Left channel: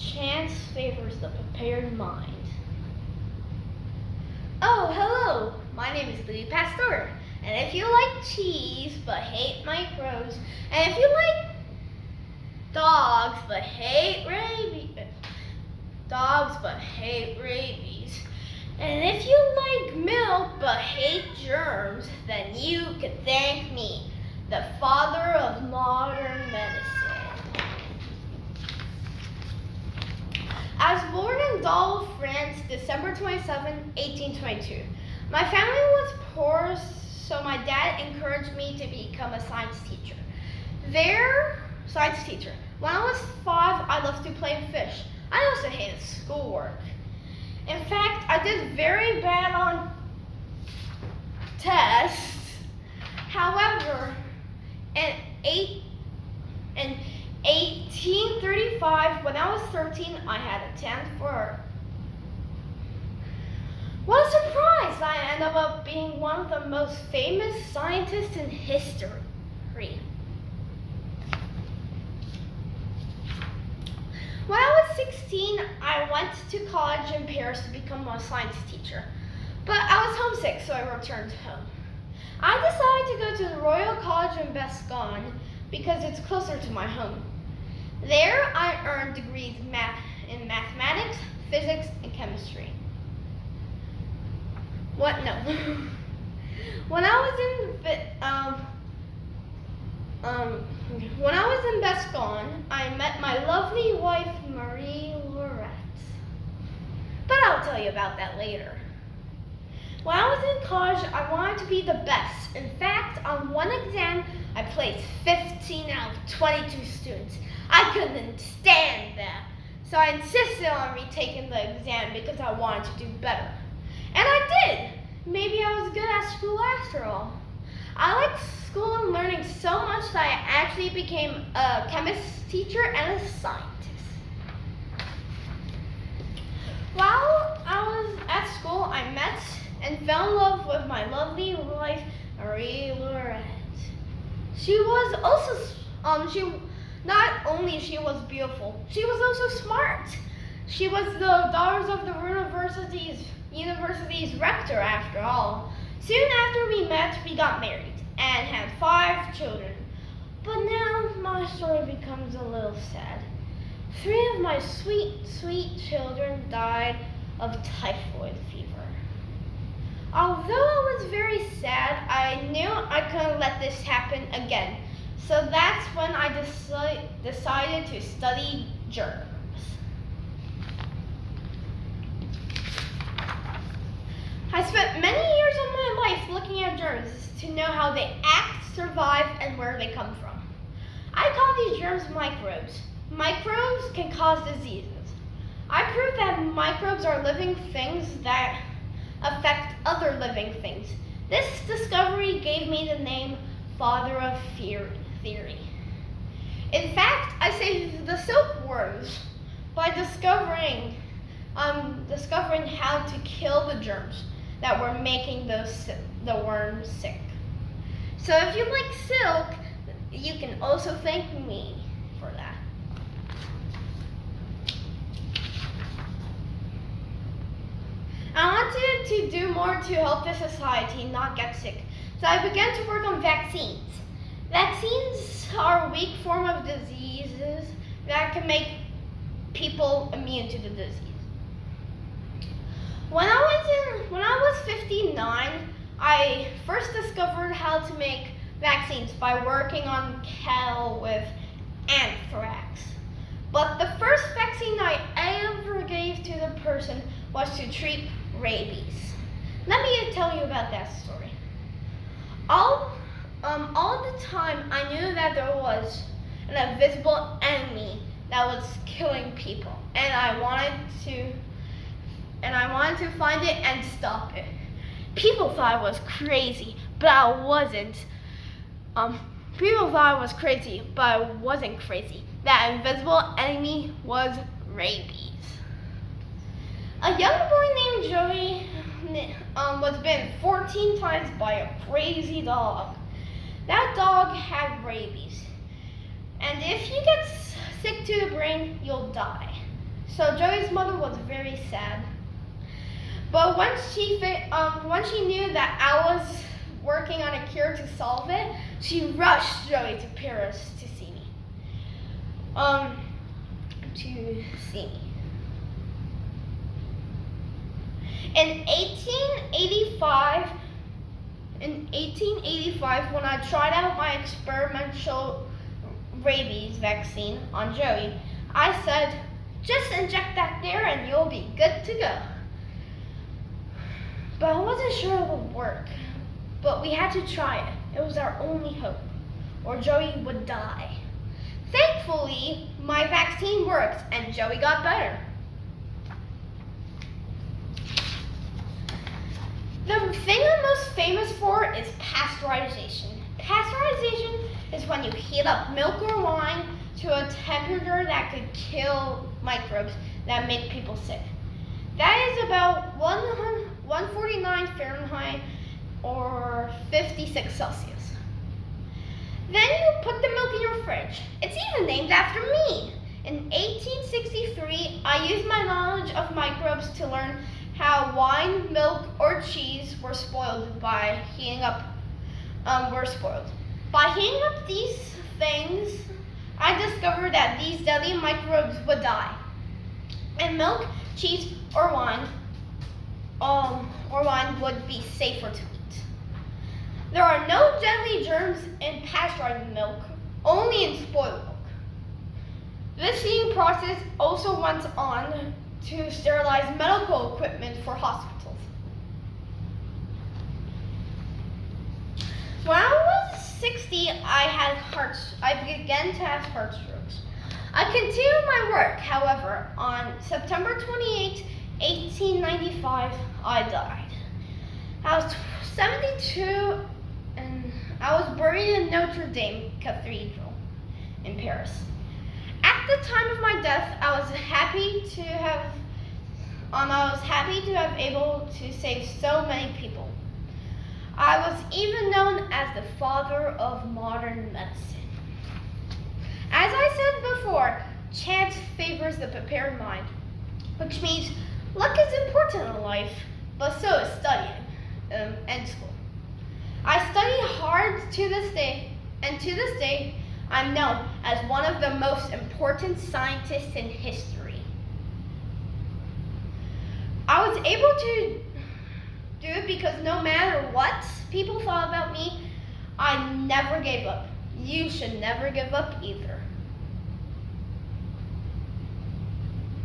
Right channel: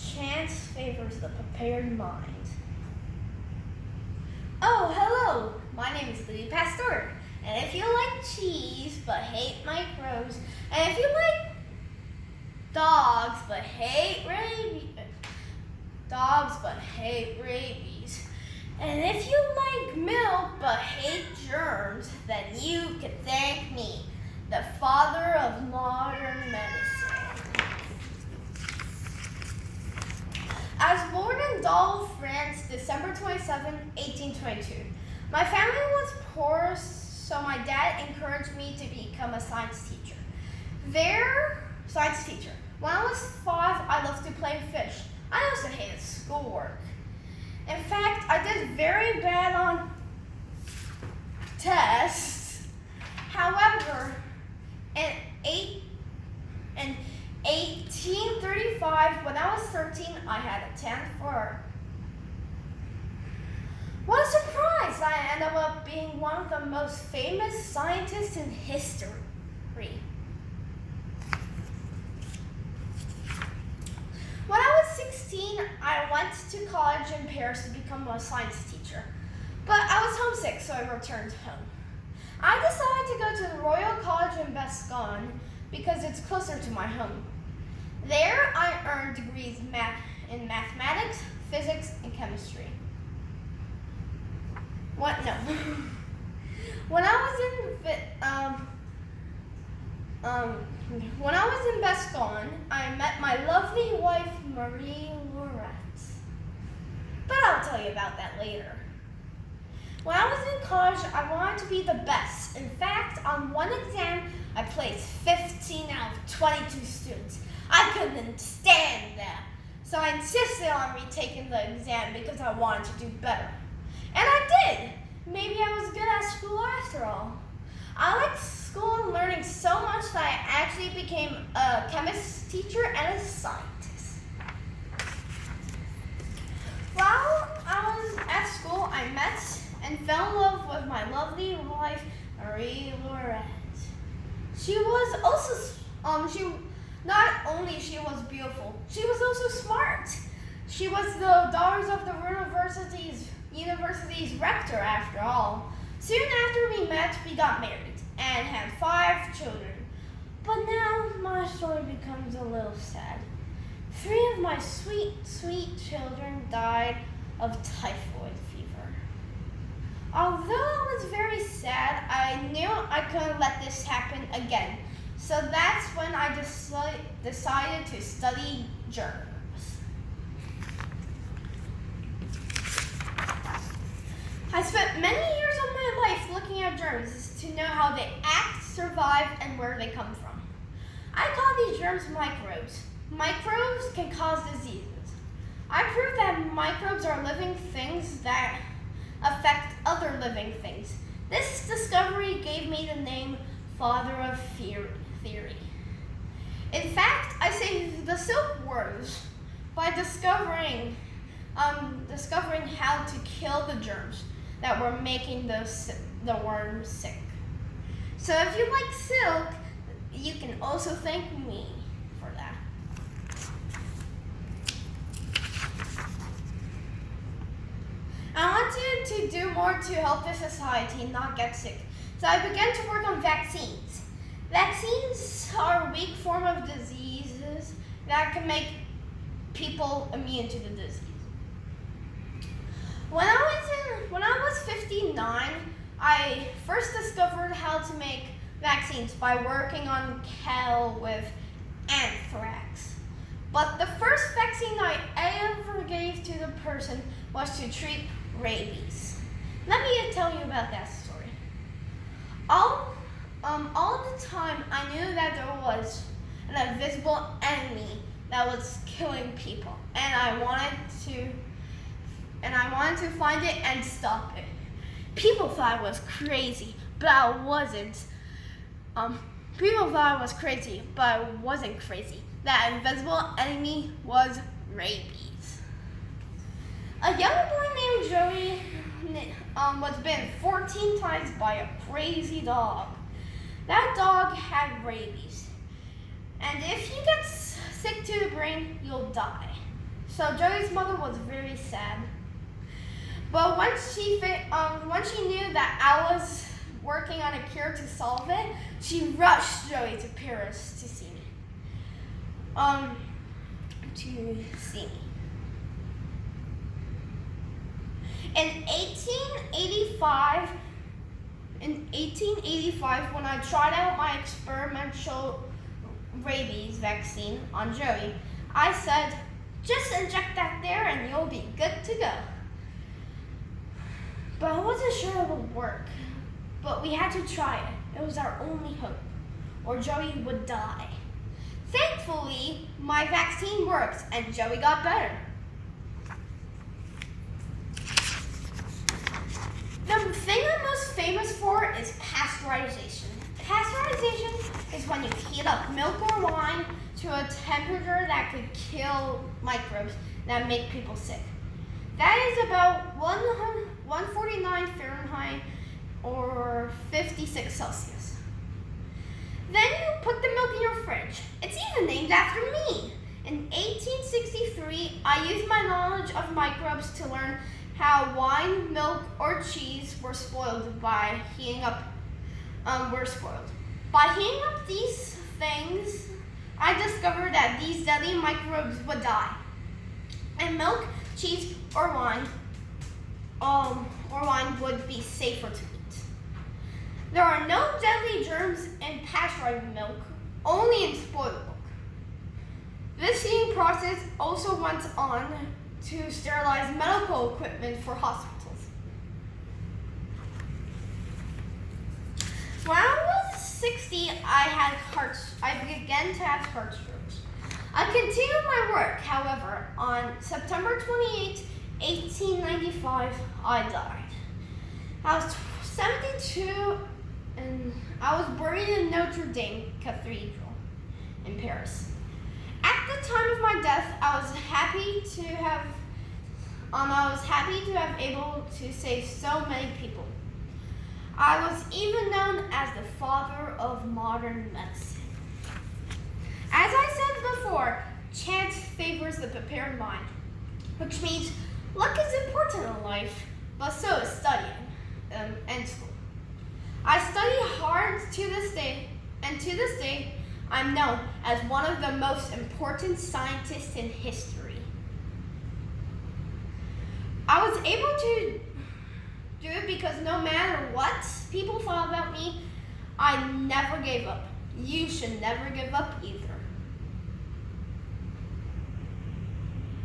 Chance favors the prepared mind. Oh, hello! My name is Louis Pasteur, and if you like cheese but hate microbes, and if you like dogs but hate rabies, and if you like milk but hate germs, then you can thank me, the father of modern medicine. I was born in Dole, France, December 27, 1822. My family was poor, so my dad encouraged me to become a science teacher. When I was 5, I loved to play fish. I also hated schoolwork. In fact, I did very bad on tests. However, in 1835, when I was 13, I had a 10 for. What a surprise! I ended up being one of the most famous scientists in history. When I was 16, I went to college in Paris to become a science teacher. But I was homesick, so I returned home. I decided to go to the Royal College in Gascogne because it's closer to my home. There, I earned degrees in mathematics, physics, and chemistry. When I was in Gascogne, I met my lovely wife, Marie Laurette. But I'll tell you about that later. When I was in college, I wanted to be the best. In fact, on one exam, I placed 15 out of 22 students. I couldn't stand that. So I insisted on retaking the exam because I wanted to do better. And I did. Maybe I was good at school after all. I liked school and learning so much that I actually became a chemist teacher and a scientist. While I was at school, I met and fell in love with my lovely wife, Marie Laurette. Not only she was beautiful, she was also smart. She was the daughter of the university's rector after all. Soon after we met, we got married and had 5 children. But now my story becomes a little sad. 3 of my sweet, sweet children died of typhoid fever. Although I was very sad, I knew I couldn't let this happen again. So that's when I decided to study germs. I spent many years of my life looking at germs to know how they act, survive, and where they come from. I call these germs microbes. Microbes can cause diseases. I proved that microbes are living things that affect other living things. This discovery gave me the name Father of Theory. In fact, I saved the silkworms by discovering how to kill the germs that were making the worms sick. So if you like silk, you can also thank me for that. I wanted to do more to help the society not get sick, so I began to work on vaccines. Vaccines are a weak form of diseases that can make people immune to the disease. When I was 59, I first discovered how to make vaccines by working on cattle with anthrax. But the first vaccine I ever gave to the person was to treat rabies. Let me tell you about that story. All the time, I knew that there was an invisible enemy that was killing people, and I wanted to find it and stop it. People thought I was crazy, but I wasn't. People thought I was crazy, but I wasn't crazy. That invisible enemy was rabies. A young boy named Joey was bitten 14 times by a crazy dog. That dog had rabies. And if you get sick to the brain, you'll die. So Joey's mother was very sad. But once she knew that I was working on a cure to solve it, she rushed Joey to Paris to see me. In 1885, when I tried out my experimental rabies vaccine on Joey, I said, "Just inject that there and you'll be good to go." But I wasn't sure it would work. But we had to try it. It was our only hope, or Joey would die. Thankfully, my vaccine worked and Joey got better. The thing I'm most famous for is pasteurization. Pasteurization is when you heat up milk or wine to a temperature that could kill microbes that make people sick. That is about 149 Fahrenheit or 56 Celsius. Then you put the milk in your fridge. It's even named after me. In 1863, I used my knowledge of microbes to learn how wine, milk, or cheese were spoiled by heating up. By heating up these things, I discovered that these deadly microbes would die, and milk, cheese, or wine would be safer to eat. There are no deadly germs in pasteurized milk, only in spoiled milk. This heating process also went on to sterilize medical equipment for hospitals. When I was 60, I began to have heart strokes. I continued my work, however. On September 28, 1895, I died. I was 72 and I was buried in Notre Dame Cathedral in Paris. At the time of my death, I was happy to have able to save so many people. I was even known as the father of modern medicine. As I said before, chance favors the prepared mind, which means luck is important in life, but so is studying and school. I study hard to this day, and to this day, I'm known as one of the most important scientists in history. I was able to do it because no matter what people thought about me, I never gave up. You should never give up either.